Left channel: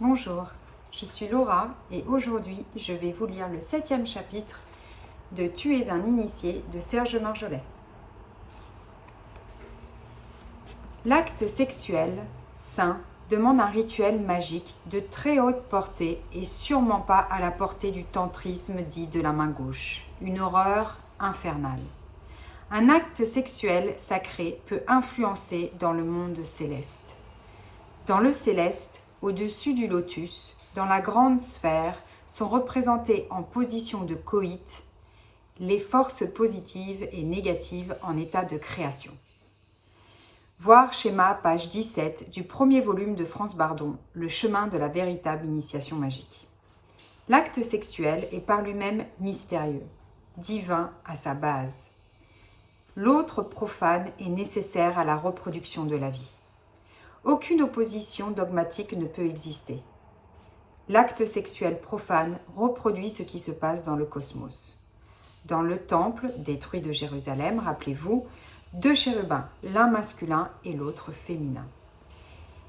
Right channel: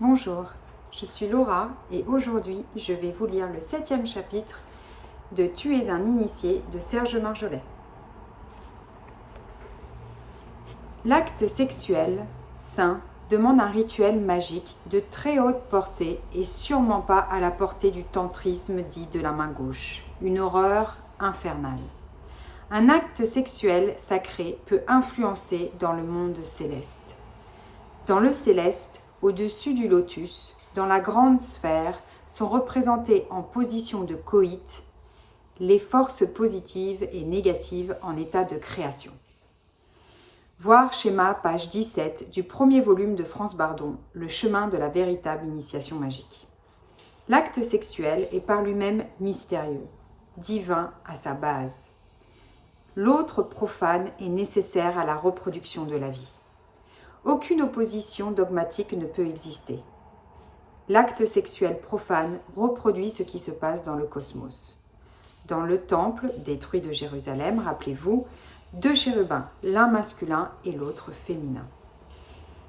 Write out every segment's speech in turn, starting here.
Bonjour, je suis Laura et aujourd'hui je vais vous lire le 7e chapitre de Tu es un initié de Serge Marjolais. L'acte sexuel saint demande un rituel magique de très haute portée et sûrement pas à la portée du tantrisme dit de la main gauche, une horreur infernale. Un acte sexuel sacré peut influencer dans le monde céleste. Dans le céleste, au-dessus du lotus, dans la grande sphère, sont représentées en position de coït les forces positives et négatives en état de création. Voir schéma page 17 du premier volume de France Bardon, Le chemin de la véritable initiation magique. L'acte sexuel est par lui-même mystérieux, divin à sa base. L'autre profane est nécessaire à la reproduction de la vie. Aucune opposition dogmatique ne peut exister. L'acte sexuel profane reproduit ce qui se passe dans le cosmos. Dans le temple détruit de Jérusalem, rappelez-vous, 2 chérubins, l'un masculin et l'autre féminin.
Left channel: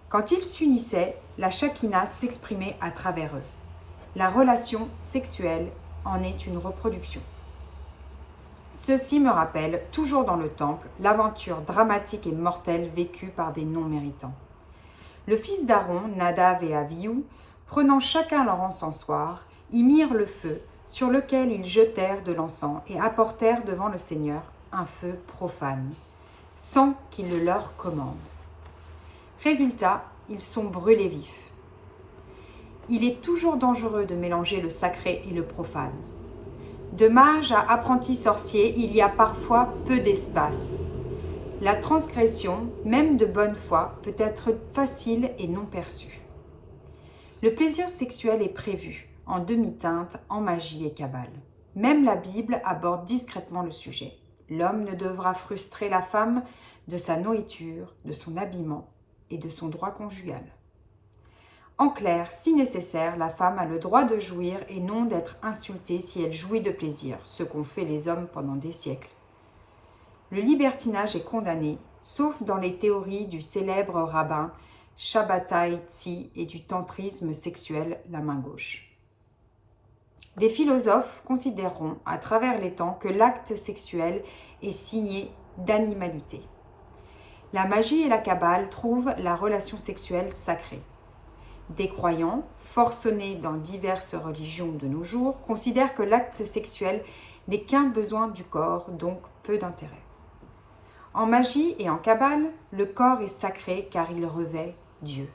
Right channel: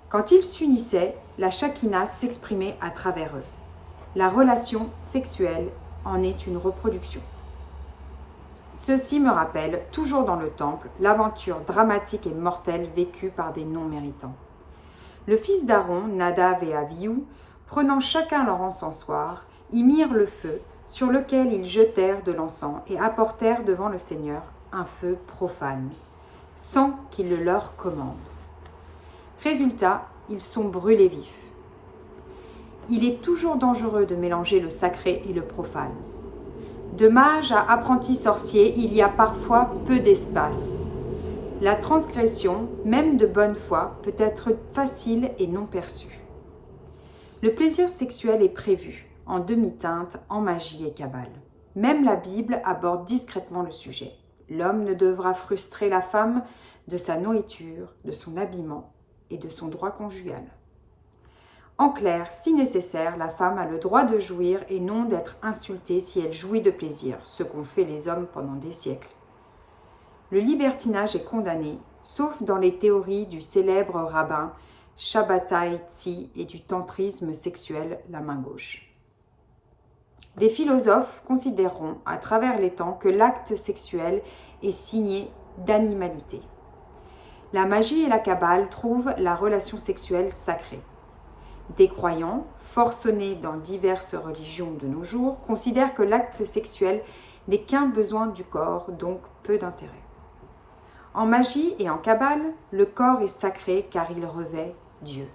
Quand ils s'unissaient, la Shekinah s'exprimait à travers eux. La relation sexuelle en est une reproduction. Ceci me rappelle, toujours dans le temple, l'aventure dramatique et mortelle vécue par des non-méritants. Le fils d'Aaron, Nadav et Abihu, prenant chacun leur encensoir, y mirent le feu, sur lequel ils jetèrent de l'encens et apportèrent devant le Seigneur un feu profane, sans qu'il le leur commande. Résultat, ils sont brûlés vifs. Il est toujours dangereux de mélanger le sacré et le profane. De mage à apprenti sorcier, il y a parfois peu d'espace. La transgression, même de bonne foi, peut être facile et non perçue. Le plaisir sexuel est prévu, en demi-teinte, en magie et cabale. Même la Bible aborde discrètement le sujet. L'homme ne devra frustrer la femme de sa nourriture, de son habillement et de son droit conjugal. En clair, si nécessaire, la femme a le droit de jouir et non d'être insultée si elle jouit de plaisir, ce qu'ont fait les hommes pendant des siècles. Le libertinage est condamné, sauf dans les théories du célèbre rabbin Shabbatai Tzvi et du tantrisme sexuel, la main gauche. Des philosophes considéreront à travers les temps que l'acte sexuel est signé d'animalité. La magie et la kabbale trouvent la relation sexuelle sacrée. Des croyants, forcenés dans diverses religions de nos jours, considèrent que l'acte sexuel n'est qu'un besoin du corps, donc peu d'intérêt. En magie et en kabbale, le corps est sacré car il revêt Dieu.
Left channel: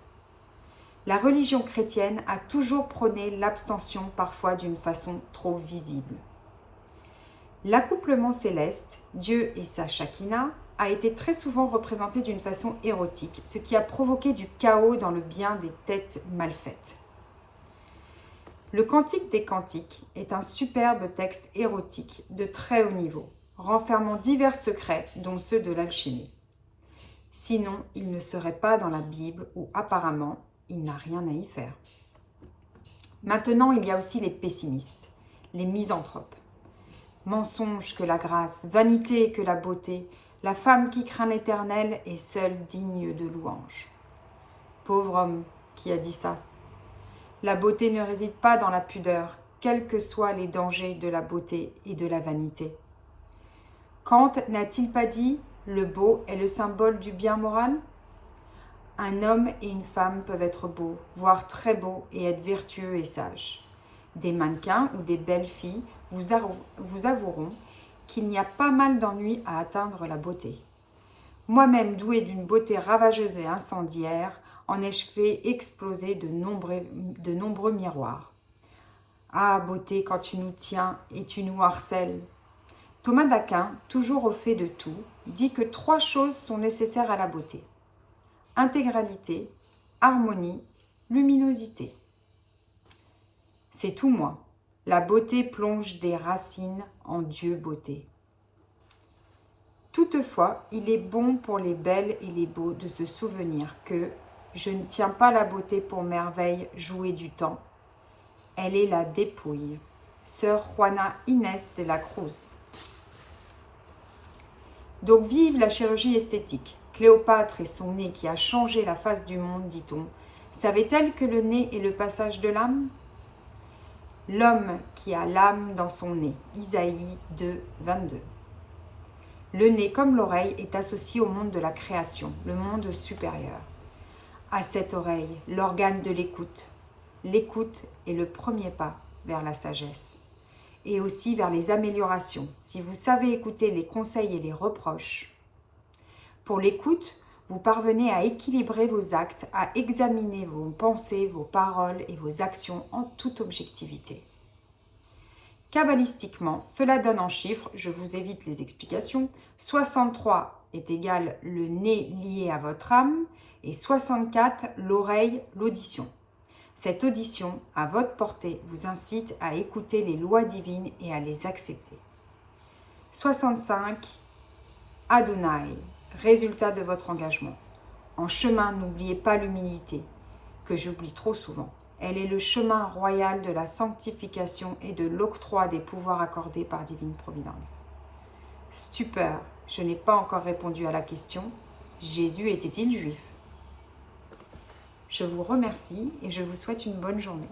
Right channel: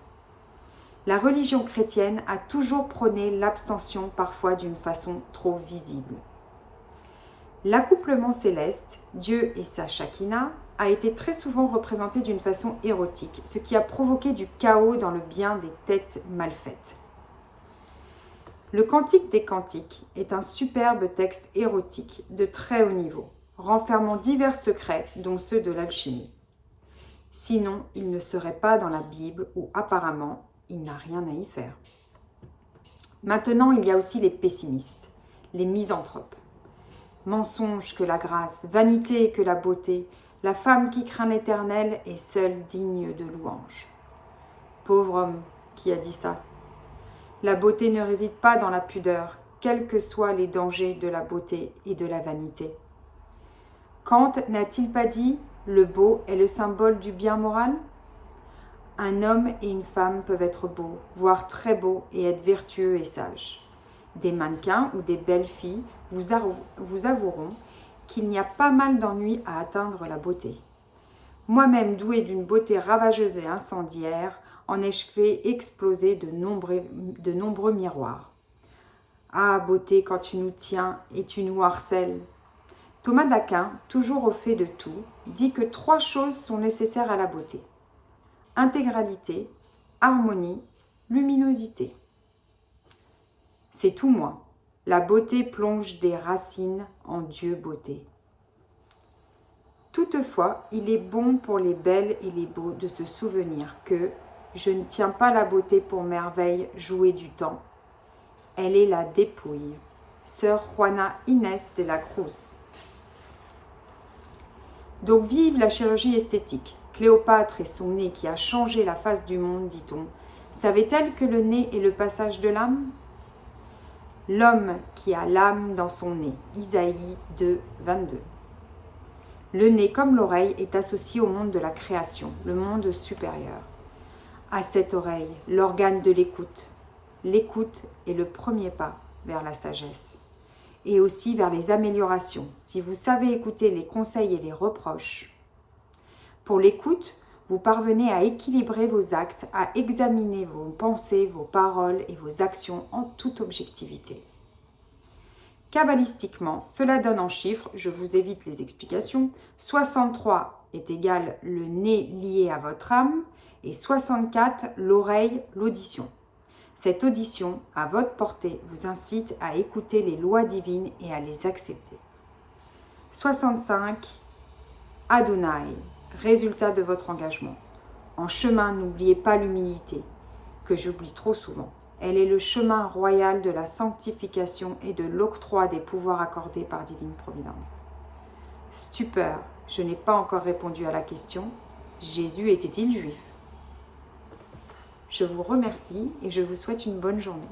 La religion chrétienne a toujours prôné l'abstention, parfois d'une façon trop visible. L'accouplement céleste, Dieu et sa Shekinah, a été très souvent représenté d'une façon érotique, ce qui a provoqué du chaos dans le bien des têtes mal faites. Le Cantique des Cantiques est un superbe texte érotique de très haut niveau, renfermant divers secrets, dont ceux de l'alchimie. Sinon, il ne serait pas dans la Bible où apparemment il n'a rien à y faire. Maintenant, il y a aussi les pessimistes, les misanthropes. Mensonge que la grâce, vanité que la beauté, la femme qui craint l'Éternel est seule digne de louange. Pauvre homme qui a dit ça. La beauté ne réside pas dans la pudeur, quels que soient les dangers de la beauté et de la vanité. Kant n'a-t-il pas dit « le beau est le symbole du bien moral » ? Un homme et une femme peuvent être beaux, voire très beaux, et être vertueux et sages. Des mannequins ou des belles filles vous avoueront qu'il n'y a pas mal d'ennuis à atteindre la beauté. Moi-même, douée d'une beauté ravageuse et incendiaire, en ai-je fait exploser de nombreux miroirs. Ah, beauté, quand tu nous tiens et tu nous harcèles. Thomas d'Aquin, toujours au fait de tout, dit que 3 choses sont nécessaires à la beauté. Intégralité, harmonie, luminosité. C'est tout moi. La beauté plonge des racines en Dieu beauté. Toutefois, il est bon pour les belles et les beaux de se souvenir que je ne tiens pas la beauté pour merveille jouée du temps. Elle est la dépouille. Sœur Juana Inés de la Cruz. Donc vive la chirurgie esthétique. Cléopâtre et son nez qui a changé la face du monde, dit-on, Savait-elle que le nez est le passage de l'âme? L'homme qui a l'âme dans son nez. Isaïe 2, 22. Le nez, comme l'oreille, est associé au monde de la création, le monde supérieur. À cette oreille, l'organe de l'écoute. L'écoute est le premier pas vers la sagesse et aussi vers les améliorations, si vous savez écouter les conseils et les reproches. Pour l'écoute, vous parvenez à équilibrer vos actes, à examiner vos pensées, vos paroles et vos actions en toute objectivité. Kabbalistiquement, cela donne en chiffres, je vous évite les explications, 63 est égal le nez lié à votre âme et 64 l'oreille, l'audition. Cette audition, à votre portée, vous incite à écouter les lois divines et à les accepter. 65 Adonai, résultat de votre engagement. En chemin, n'oubliez pas l'humilité, que j'oublie trop souvent. Elle est le chemin royal de la sanctification et de l'octroi des pouvoirs accordés par divine providence. Stupeur, je n'ai pas encore répondu à la question. Jésus était-il juif? Je vous remercie et je vous souhaite une bonne journée.